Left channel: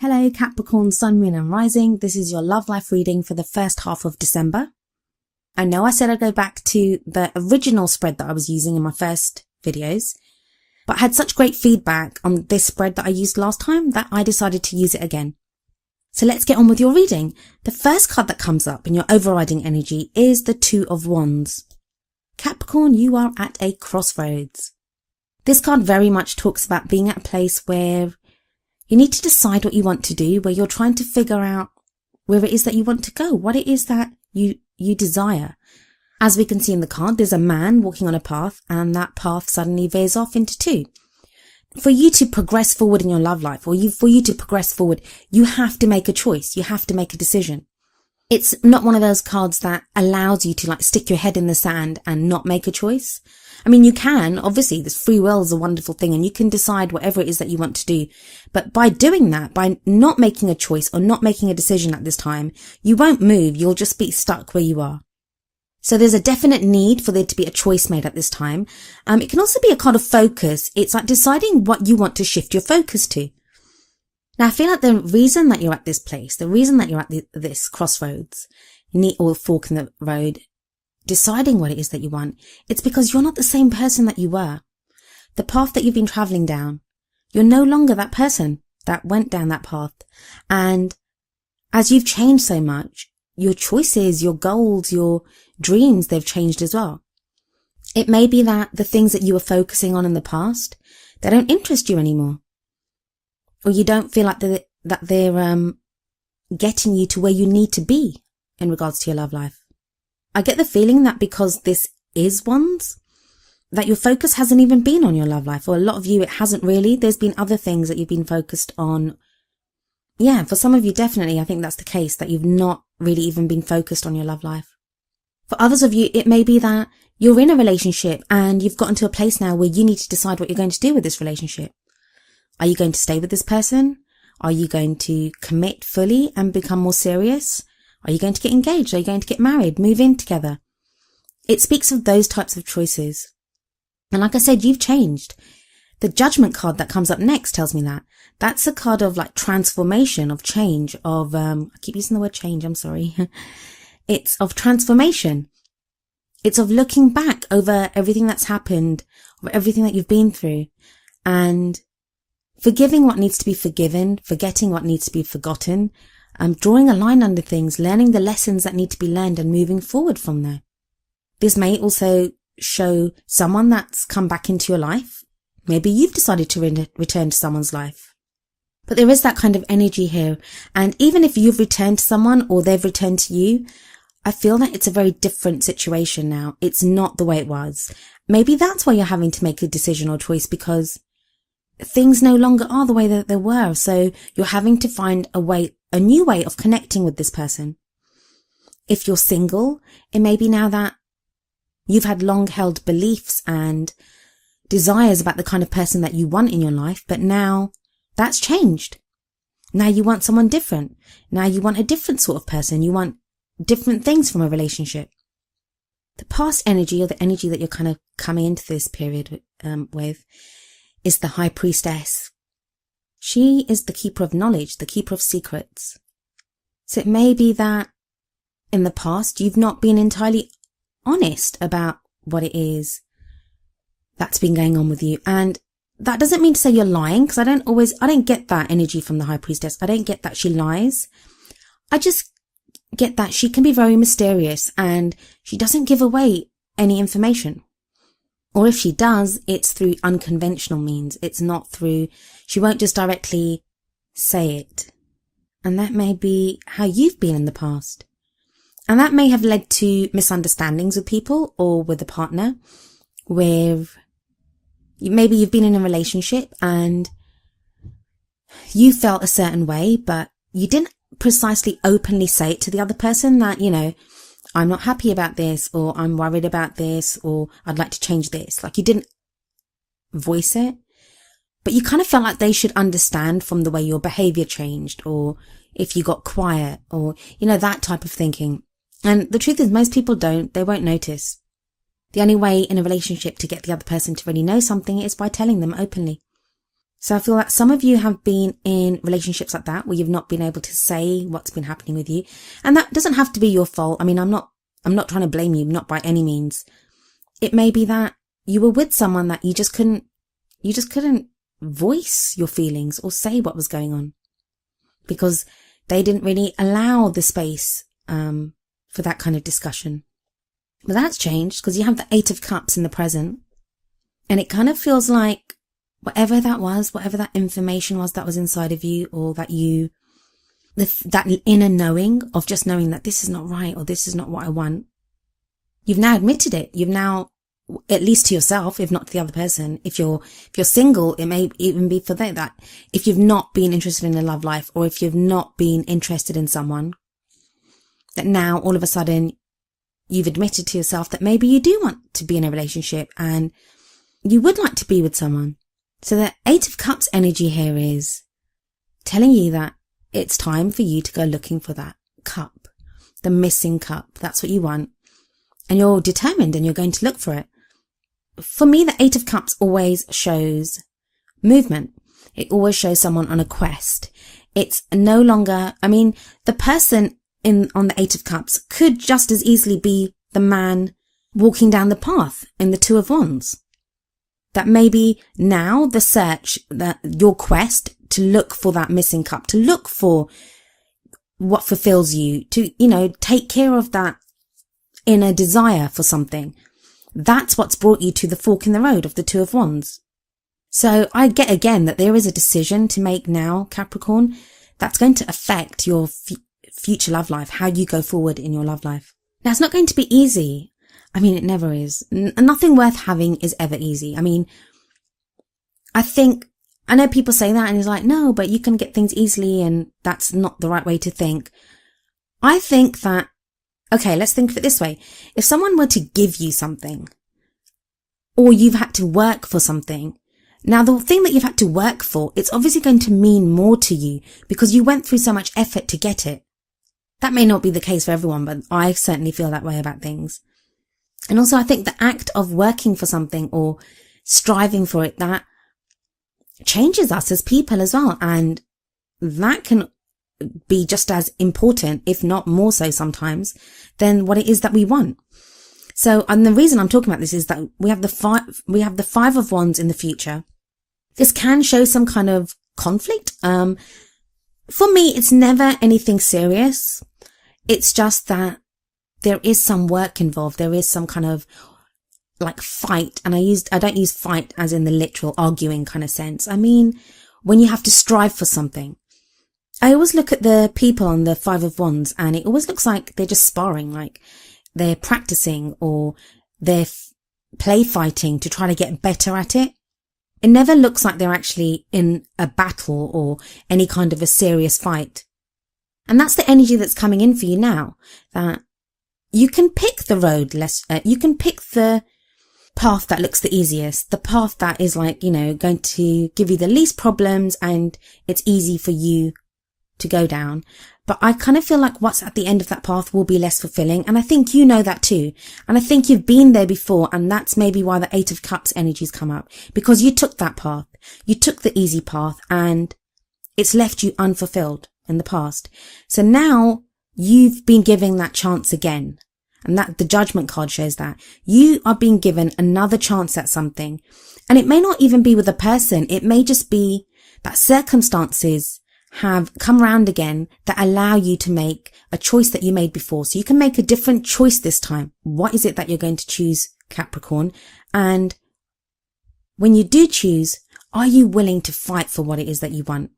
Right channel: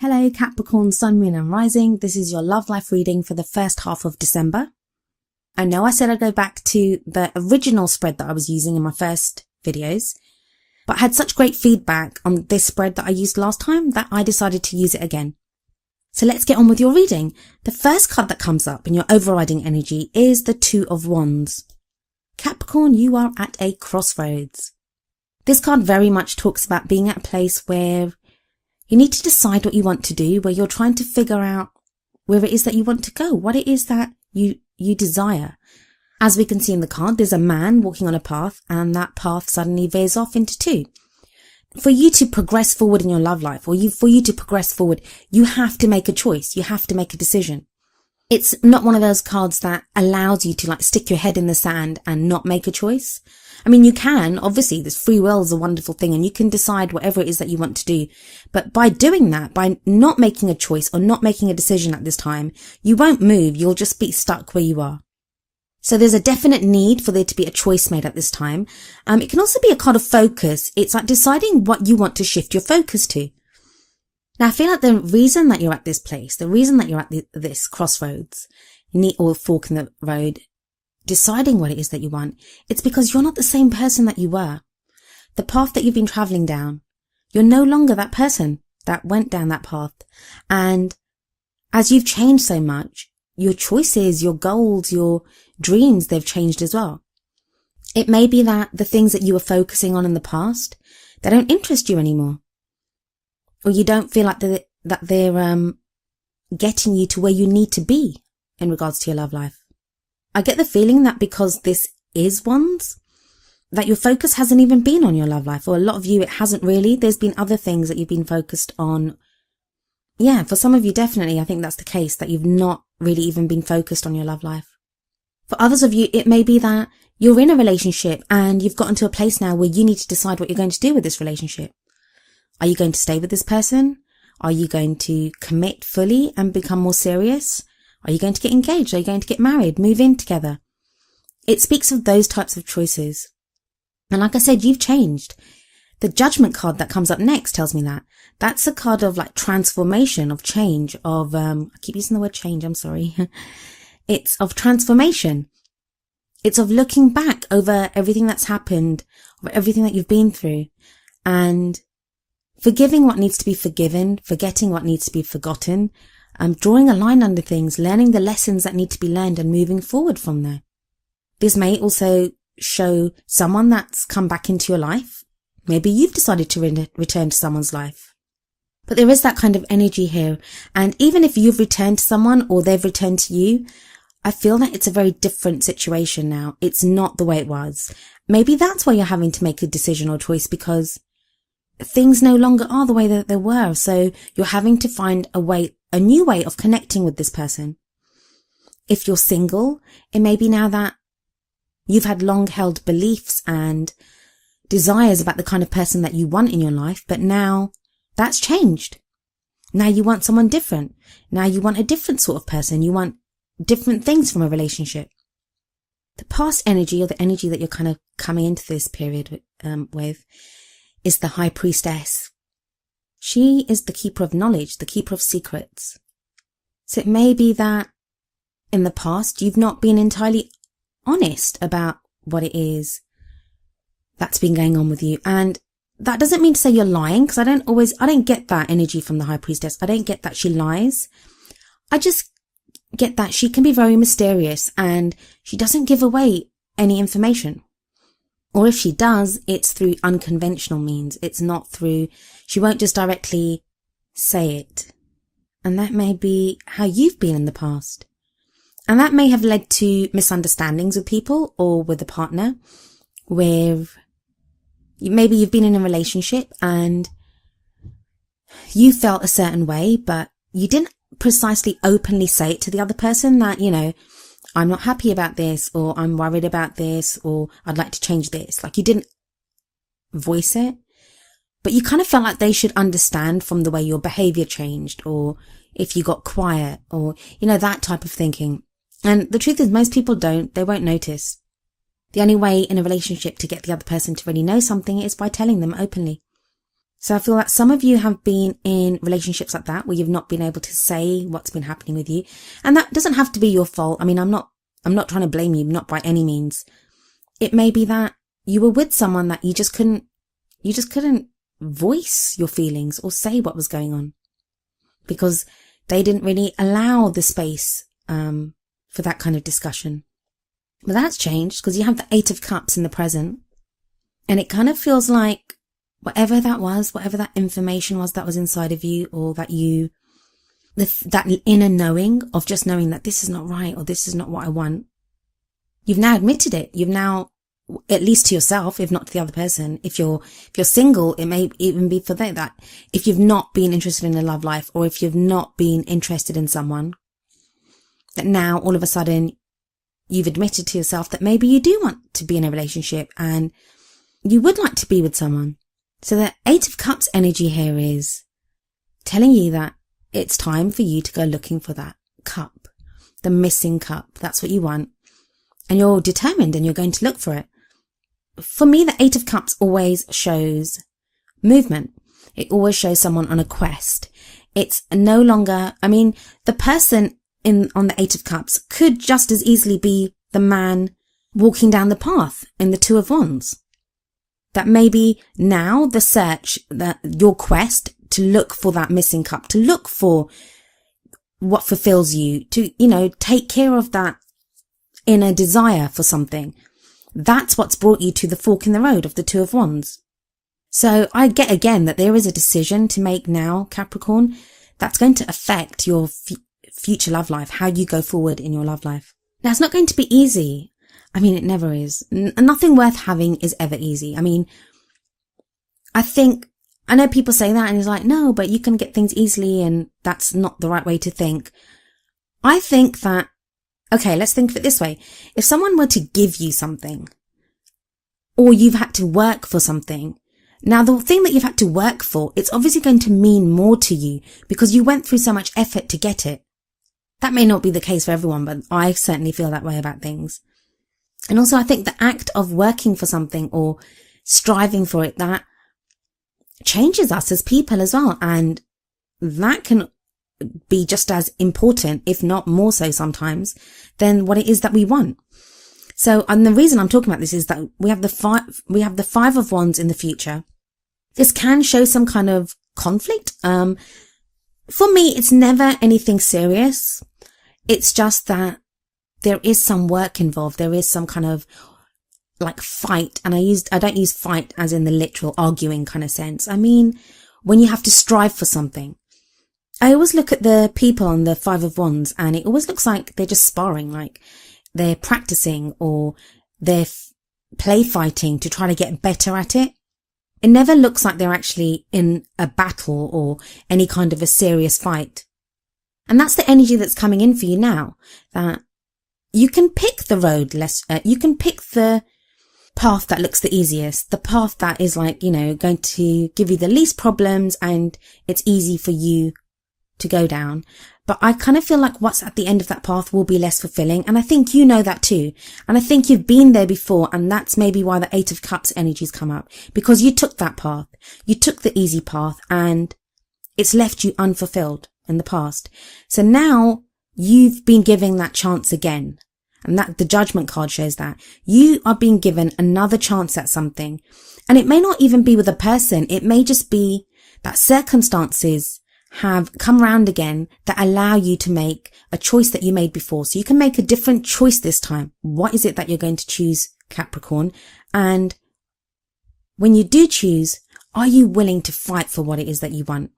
Hello Capricorn, Sun, Moon and Rising. This is your love life reading for the first half of December. I know I said I'd go back to the original spread that I was using in my first videos, but I had such great feedback on this spread that I used last time that I decided to use it again. So let's get on with your reading. The first card that comes up in your overriding energy is the Two of Wands. Capricorn, you are at a crossroads. This card very much talks about being at a place where you need to decide what you want to do, where you're trying to figure out where it is that you want to go, what it is that you desire. As we can see in the card, there's a man walking on a path, and that path suddenly veers off into two. For you to progress forward in your love life, for you to progress forward, you have to make a choice. You have to make a decision. It's not one of those cards that allows you to stick your head in the sand and not make a choice. I mean, you can, obviously, this free will is a wonderful thing and you can decide whatever it is that you want to do. But by doing that, by not making a choice or not making a decision at this time, you won't move. You'll just be stuck where you are. So there's a definite need for there to be a choice made at this time. It can also be a card of focus. It's like deciding what you want to shift your focus to. Now, I feel like the reason that you're at this place, the reason that you're at this crossroads, or fork in the road, deciding what it is that you want, it's because you're not the same person that you were. The path that you've been traveling down, you're no longer that person that went down that path. And as you've changed so much, your choices, your goals, your dreams, they've changed as well. It may be that the things that you were focusing on in the past, they don't interest you anymore. Or you don't feel like they're getting you to where you need to be in regards to your love life. I get the feeling that because this is Wands, that your focus hasn't even been on your love life. Or a lot of you, it hasn't really. There's been other things that you've been focused on. Yeah, for some of you, definitely, I think that's the case, that you've not really even been focused on your love life. For others of you, it may be that you're in a relationship and you've gotten to a place now where you need to decide what you're going to do with this relationship. Are you going to stay with this person? Are you going to commit fully and become more serious? Are you going to get engaged? Are you going to get married, move in together? It speaks of those types of choices. And like I said, you've changed. The Judgment card that comes up next tells me that. That's a card of transformation, of change, of, I keep using the word change, I'm sorry. It's of transformation. It's of looking back over everything that's happened, everything that you've been through, and forgiving what needs to be forgiven, forgetting what needs to be forgotten, drawing a line under things, learning the lessons that need to be learned and moving forward from there. This may also show someone that's come back into your life. Maybe you've decided to return to someone's life. But there is that kind of energy here. And even if you've returned to someone or they've returned to you, I feel that it's a very different situation now. It's not the way it was. Maybe that's why you're having to make a decision or choice, because things no longer are the way that they were. So you're having to find a new way of connecting with this person. If you're single, it may be now that you've had long held beliefs and desires about the kind of person that you want in your life, but now that's changed. Now you want someone different. Now you want a different sort of person. You want different things from a relationship. The past energy, or the energy that you're kind of coming into this period with, is the High Priestess. She is the keeper of knowledge, the keeper of secrets. So it may be that in the past you've not been entirely honest about what it is that's been going on with you. And that doesn't mean to say you're lying, because I don't get that energy from the High Priestess. I don't get that she lies. I just get that she can be very mysterious and she doesn't give away any information. Or if she does, it's through unconventional means. It's not through, she won't just directly say it. And that may be how you've been in the past. And that may have led to misunderstandings with people or with a partner, where maybe you've been in a relationship and you felt a certain way, but you didn't precisely openly say it to the other person that, I'm not happy about this, or I'm worried about this, or I'd like to change this. You didn't voice it, but you kind of feel like they should understand from the way your behavior changed, or if you got quiet, or, that type of thinking. And the truth is, most people they won't notice. The only way in a relationship to get the other person to really know something is by telling them openly. So I feel that some of you have been in relationships like that, where you've not been able to say what's been happening with you. And that doesn't have to be your fault. I mean, I'm not trying to blame you, not by any means. It may be that you were with someone that you just couldn't voice your feelings or say what was going on, because they didn't really allow the space for that kind of discussion. But that's changed, because you have the 8 of Cups in the present, and it kind of feels like whatever that was, whatever that information was that was inside of you, or that inner knowing of just knowing that this is not right, or this is not what I want, you've now admitted it. You've now, at least to yourself, if not to the other person. If you're single, it may even be for that if you've not been interested in a love life, or if you've not been interested in someone, that now all of a sudden you've admitted to yourself that maybe you do want to be in a relationship and you would like to be with someone. So the 8 of Cups energy here is telling you that it's time for you to go looking for that cup, the missing cup. That's what you want. And you're determined and you're going to look for it. For me, the 8 of Cups always shows movement. It always shows someone on a quest. It's no longer, the person on the 8 of Cups could just as easily be the man walking down the path in the 2 of Wands. That maybe now the search, your quest to look for that missing cup, to look for what fulfills you, to, take care of that inner desire for something. That's what's brought you to the fork in the road of the 2 of Wands. So I get again that there is a decision to make now, Capricorn, that's going to affect your future love life, how you go forward in your love life. Now, it's not going to be easy. It never is. Nothing worth having is ever easy. I know people say that and it's like, no, but you can get things easily, and that's not the right way to think. I think that, okay, let's think of it this way. If someone were to give you something, or you've had to work for something, now the thing that you've had to work for, it's obviously going to mean more to you because you went through so much effort to get it. That may not be the case for everyone, but I certainly feel that way about things. And also I think the act of working for something or striving for it, that changes us as people as well. And that can be just as important, if not more so sometimes, than what it is that we want. So, and the reason I'm talking about this is that we have the 5 of Wands in the future. This can show some kind of conflict. For me, it's never anything serious. It's just that there is some work involved. There is some kind of like fight. And I don't use fight as in the literal arguing kind of sense. When you have to strive for something. I always look at the people on the 5 of Wands and it always looks like they're just sparring, like they're practicing or they're play fighting to try to get better at it. It never looks like they're actually in a battle or any kind of a serious fight. And that's the energy that's coming in for you now, that you can pick the road you can pick the path that looks the easiest, the path that is going to give you the least problems and it's easy for you to go down. But I kind of feel like what's at the end of that path will be less fulfilling. And I think you know that too. And I think you've been there before. And that's maybe why the 8 of Cups energies come up, because you took that path. You took the easy path and it's left you unfulfilled in the past. So now you've been given that chance again. And that the Judgment card shows that you are being given another chance at something. And it may not even be with a person. It may just be that circumstances have come round again that allow you to make a choice that you made before. So you can make a different choice this time. What is it that you're going to choose, Capricorn? And when you do choose, are you willing to fight for what it is that you want?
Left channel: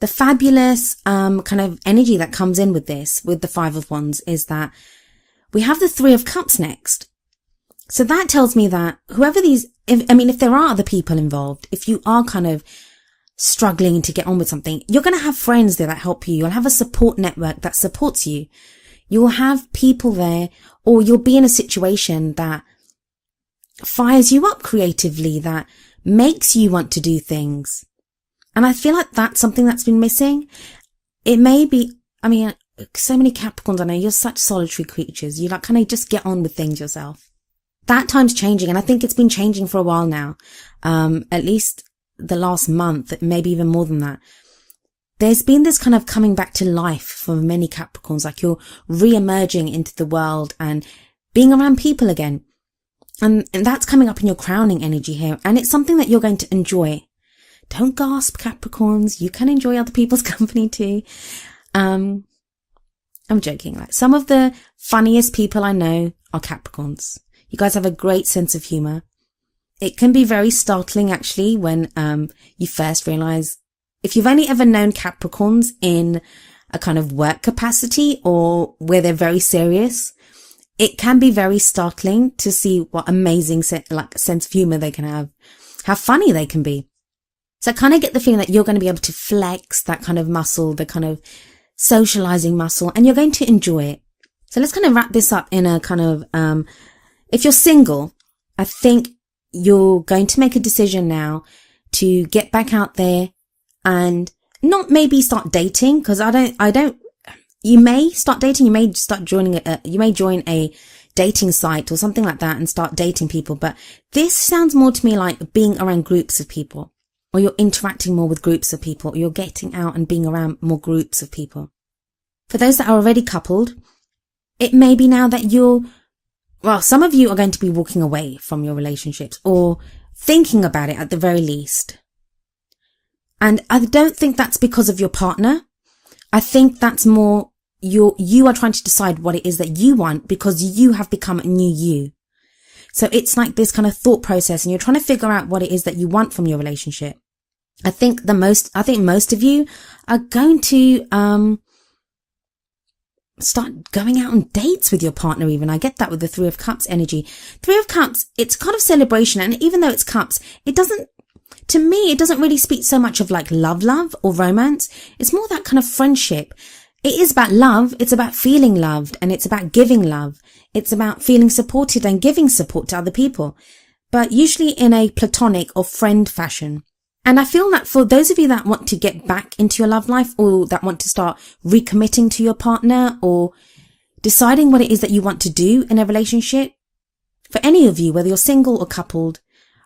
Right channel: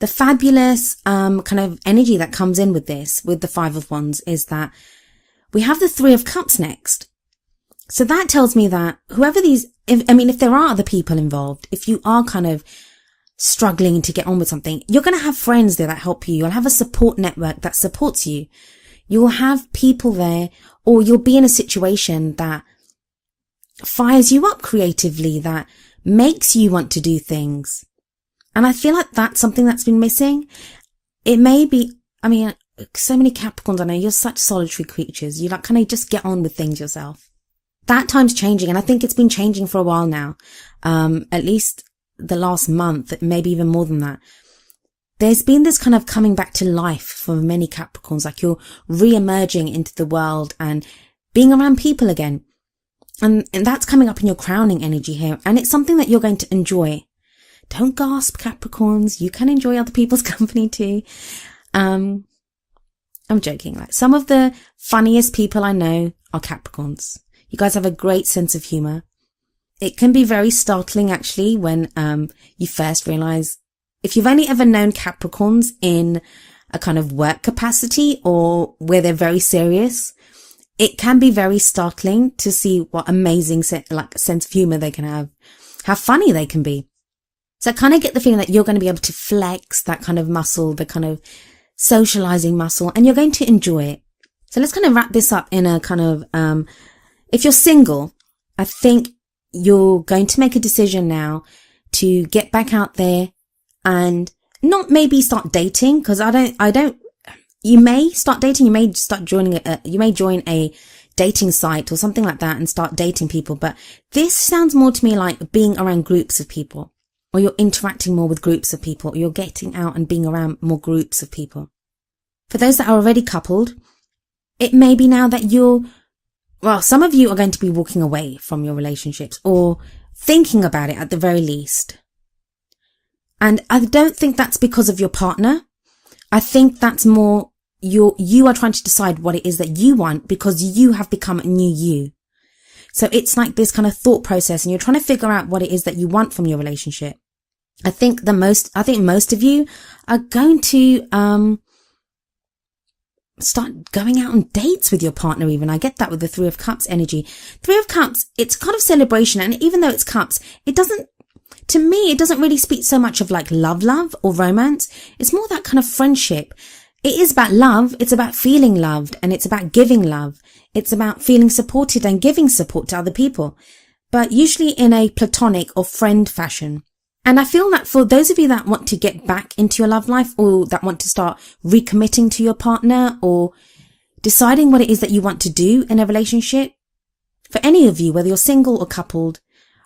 The fabulous kind of energy that comes in with this, with the 5 of Wands, is that we have the 3 of Cups next. So that tells me that whoever if there are other people involved, if you are kind of struggling to get on with something, you're going to have friends there that help you. You'll have a support network that supports you. You'll have people there, or you'll be in a situation that fires you up creatively, that makes you want to do things. And I feel like that's something that's been missing. It may be, so many Capricorns, I know you're such solitary creatures. You kind of just get on with things yourself. That time's changing, and I think it's been changing for a while now. At least the last month, maybe even more than that, there's been this kind of coming back to life for many Capricorns, like you're re-emerging into the world and being around people again. And that's coming up in your crowning energy here. And it's something that you're going to enjoy. Don't gasp, Capricorns. You can enjoy other people's company too. I'm joking. Like, some of the funniest people I know are Capricorns. You guys have a great sense of humor. It can be very startling, actually, when you first realize, if you've only ever known Capricorns in a kind of work capacity or where they're very serious, it can be very startling to see what amazing sense of humor they can have, how funny they can be. So I kind of get the feeling that you're going to be able to flex that kind of muscle, the kind of socializing muscle, and you're going to enjoy it. So let's kind of wrap this up in a kind of, if you're single, I think you're going to make a decision now to get back out there and not maybe start dating, because you may start dating, you may start joining you may join a dating site or something like that and start dating people. But this sounds more to me like being around groups of people, or you're interacting more with groups of people, or you're getting out and being around more groups of people. For those that are already coupled, it may be now that some of you are going to be walking away from your relationships or thinking about it at the very least. And I don't think that's because of your partner. I think that's more you are trying to decide what it is that you want, because you have become a new you. So it's like this kind of thought process, and you're trying to figure out what it is that you want from your relationship. I think most of you are going to start going out on dates with your partner even. I get that with the Three of Cups energy. Three of Cups, it's kind of celebration, and even though it's cups, it doesn't really speak so much of like love or romance. It's more that kind of friendship. It is about love. It's about feeling loved, and it's about giving love. It's about feeling supported and giving support to other people, but usually in a platonic or friend fashion. And I feel that for those of you that want to get back into your love life, or that want to start recommitting to your partner, or deciding what it is that you want to do in a relationship, for any of you, whether you're single or coupled,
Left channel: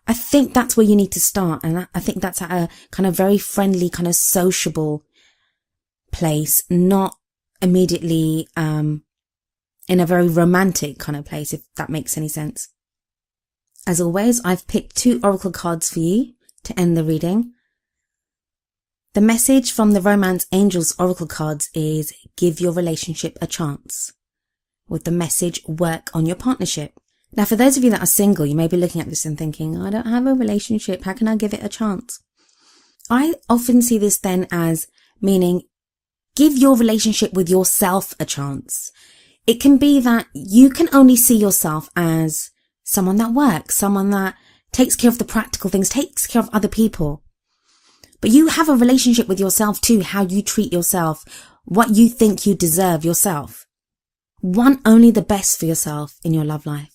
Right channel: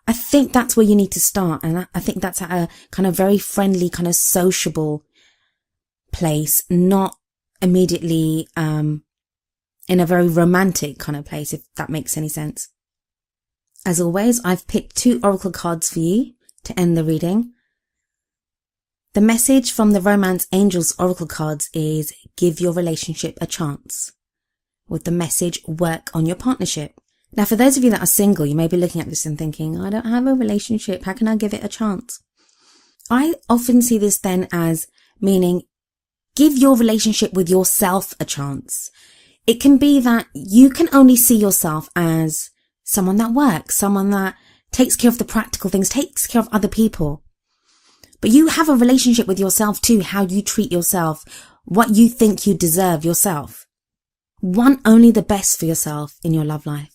I think that's where you need to start. And I think that's at a kind of very friendly, kind of sociable place, not immediately in a very romantic kind of place, if that makes any sense. As always, I've picked 2 oracle cards for you to end the reading. The message from the Romance Angels oracle cards is give your relationship a chance, with the message work on your partnership. Now, for those of you that are single, you may be looking at this and thinking, I don't have a relationship, how can I give it a chance? I often see this then as meaning give your relationship with yourself a chance. It can be that you can only see yourself as someone that works, someone that takes care of the practical things, takes care of other people. But you have a relationship with yourself too, how you treat yourself, what you think you deserve yourself. Want only the best for yourself in your love life,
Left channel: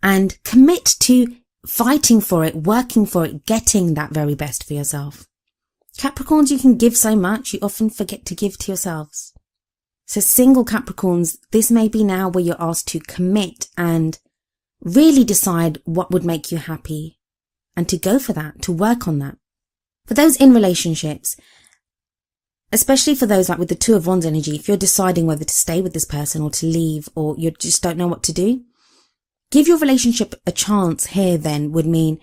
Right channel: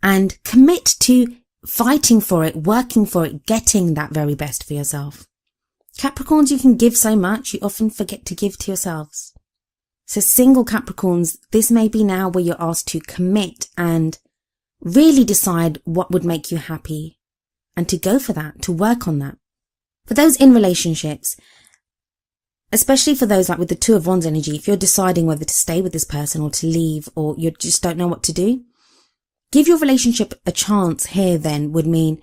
and commit to fighting for it, working for it, getting that very best for yourself. Capricorns, you can give so much, you often forget to give to yourselves. So single Capricorns, this may be now where you're asked to commit and really decide what would make you happy, and to go for that, to work on that. For those in relationships, especially for those like with the Two of Wands energy, if you're deciding whether to stay with this person or to leave, or you just don't know what to do, give your relationship a chance here then would mean,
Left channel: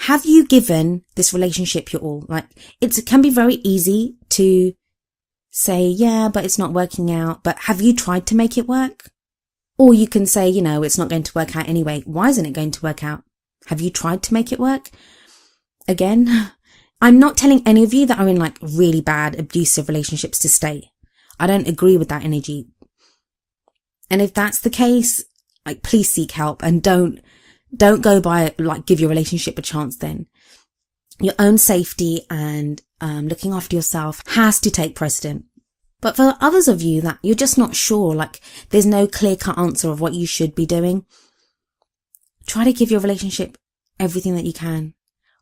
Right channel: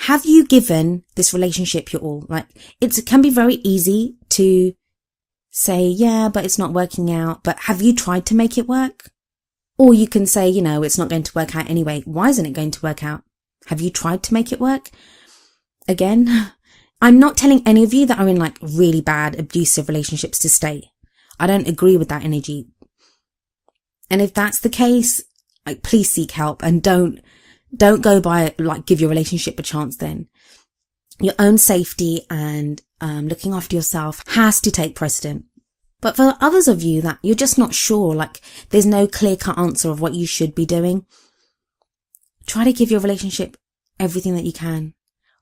have you given this relationship your all? Like, it can be very easy to say, yeah, but it's not working out. But have you tried to make it work? Or you can say, it's not going to work out anyway. Why isn't it going to work out? Have you tried to make it work? Again, I'm not telling any of you that are in like really bad abusive relationships to stay. I don't agree with that energy. And if that's the case, like, please seek help, and don't go by like give your relationship a chance then. Your own safety and looking after yourself has to take precedent. But for others of you that you're just not sure, like there's no clear-cut answer of what you should be doing, try to give your relationship everything that you can.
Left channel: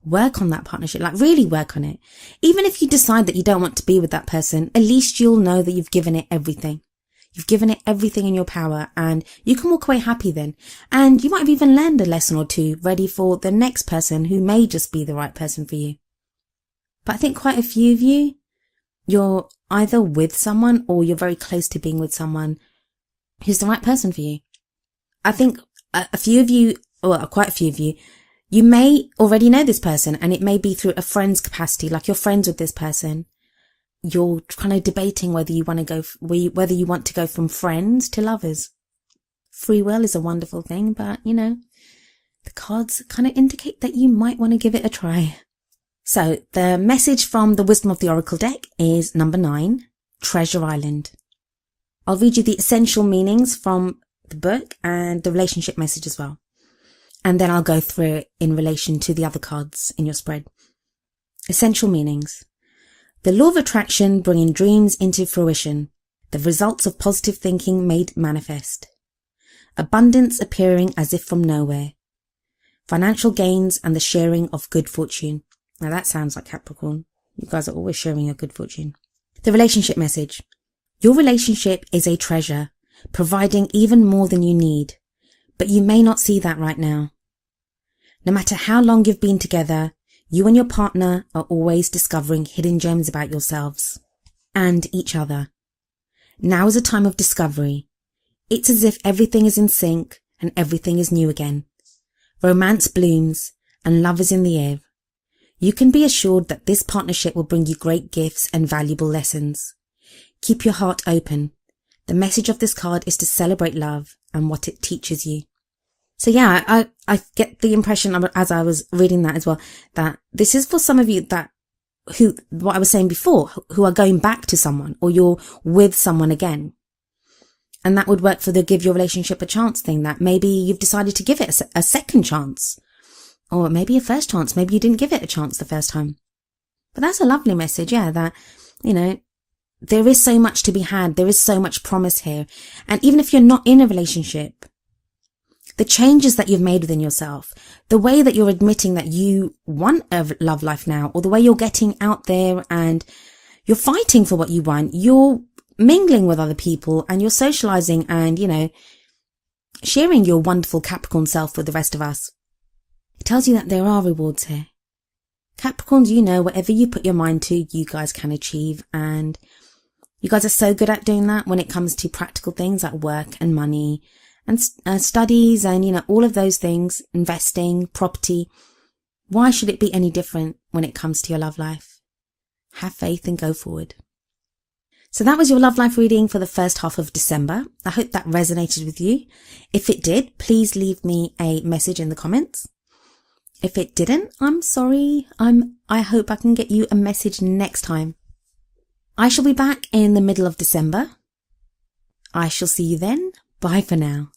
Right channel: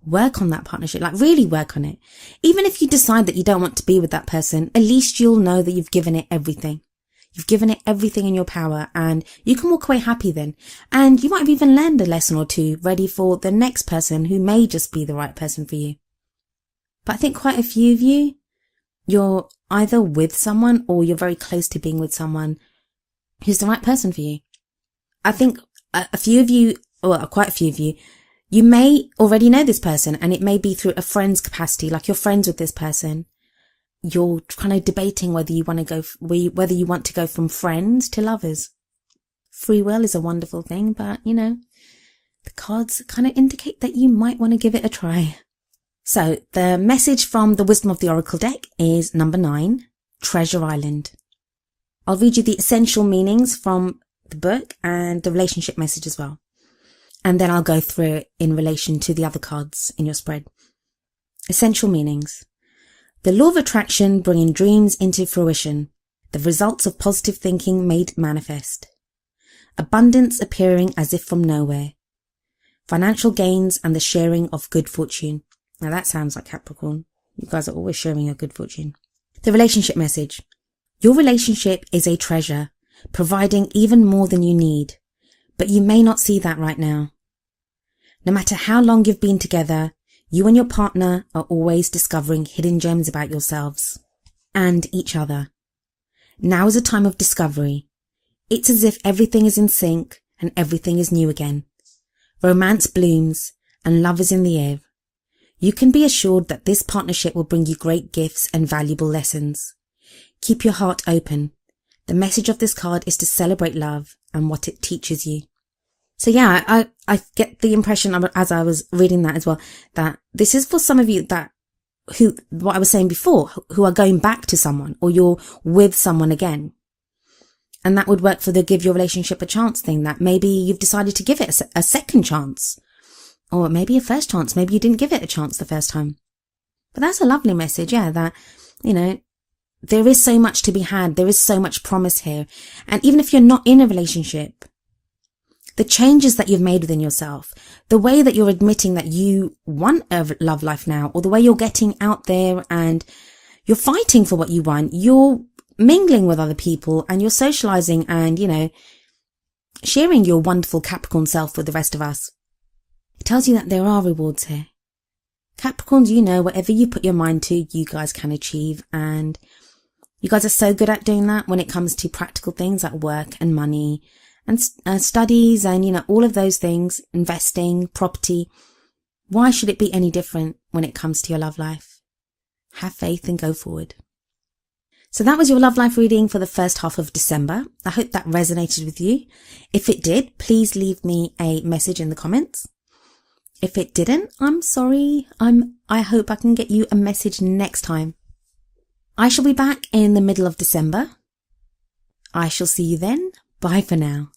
Work on that partnership, like really work on it. Even if you decide that you don't want to be with that person, at least you'll know that you've given it everything. You've given it everything in your power, and you can walk away happy then. And you might have even learned a lesson or two, ready for the next person who may just be the right person for you. But I think quite a few of you, you're either with someone or you're very close to being with someone who's the right person for you. I think a few of you, or quite a few of you, you may already know this person, and it may be through a friend's capacity, like you're friends with this person. You're kind of debating whether you want to go from friends to lovers. Free will is a wonderful thing, but the cards kind of indicate that you might want to give it a try. So the message from the Wisdom of the Oracle deck is number 9, Treasure Island. I'll read you the essential meanings from the book and the relationship message as well. And then I'll go through it in relation to the other cards in your spread. Essential meanings. The law of attraction bringing dreams into fruition. The results of positive thinking made manifest. Abundance appearing as if from nowhere. Financial gains and the sharing of good fortune. Now that sounds like Capricorn. You guys are always sharing your good fortune. The relationship message. Your relationship is a treasure, providing even more than you need. But you may not see that right now. No matter how long you've been together, you and your partner are always discovering hidden gems about yourselves and each other. Now is a time of discovery. It's as if everything is in sync and everything is new again. Romance blooms and love is in the air. You can be assured that this partnership will bring you great gifts and valuable lessons. Keep your heart open. The message of this card is to celebrate love and what it teaches you. So yeah, I get the impression as I was reading that as well, that this is for some of you what I was saying before, who are going back to someone, or you're with someone again. And that would work for the give your relationship a chance thing, that maybe you've decided to give it a second chance, or maybe a first chance. Maybe you didn't give it a chance the first time. But that's a lovely message, yeah, that, there is so much to be had. There is so much promise here. And even if you're not in a relationship, the changes that you've made within yourself, the way that you're admitting that you want a love life now, or the way you're getting out there and you're fighting for what you want, you're mingling with other people and you're socializing and, sharing your wonderful Capricorn self with the rest of us. It tells you that there are rewards here. Capricorns, whatever you put your mind to, you guys can achieve. And you guys are so good at doing that when it comes to practical things like work and money and studies and, all of those things, investing, property. Why should it be any different when it comes to your love life? Have faith and go forward. So that was your love life reading for the first half of December. I hope that resonated with you. If it did, please leave me a message in the comments. If it didn't, I'm sorry. I hope I can get you a message next time. I shall be back in the middle of December. I shall see you then. Bye for now.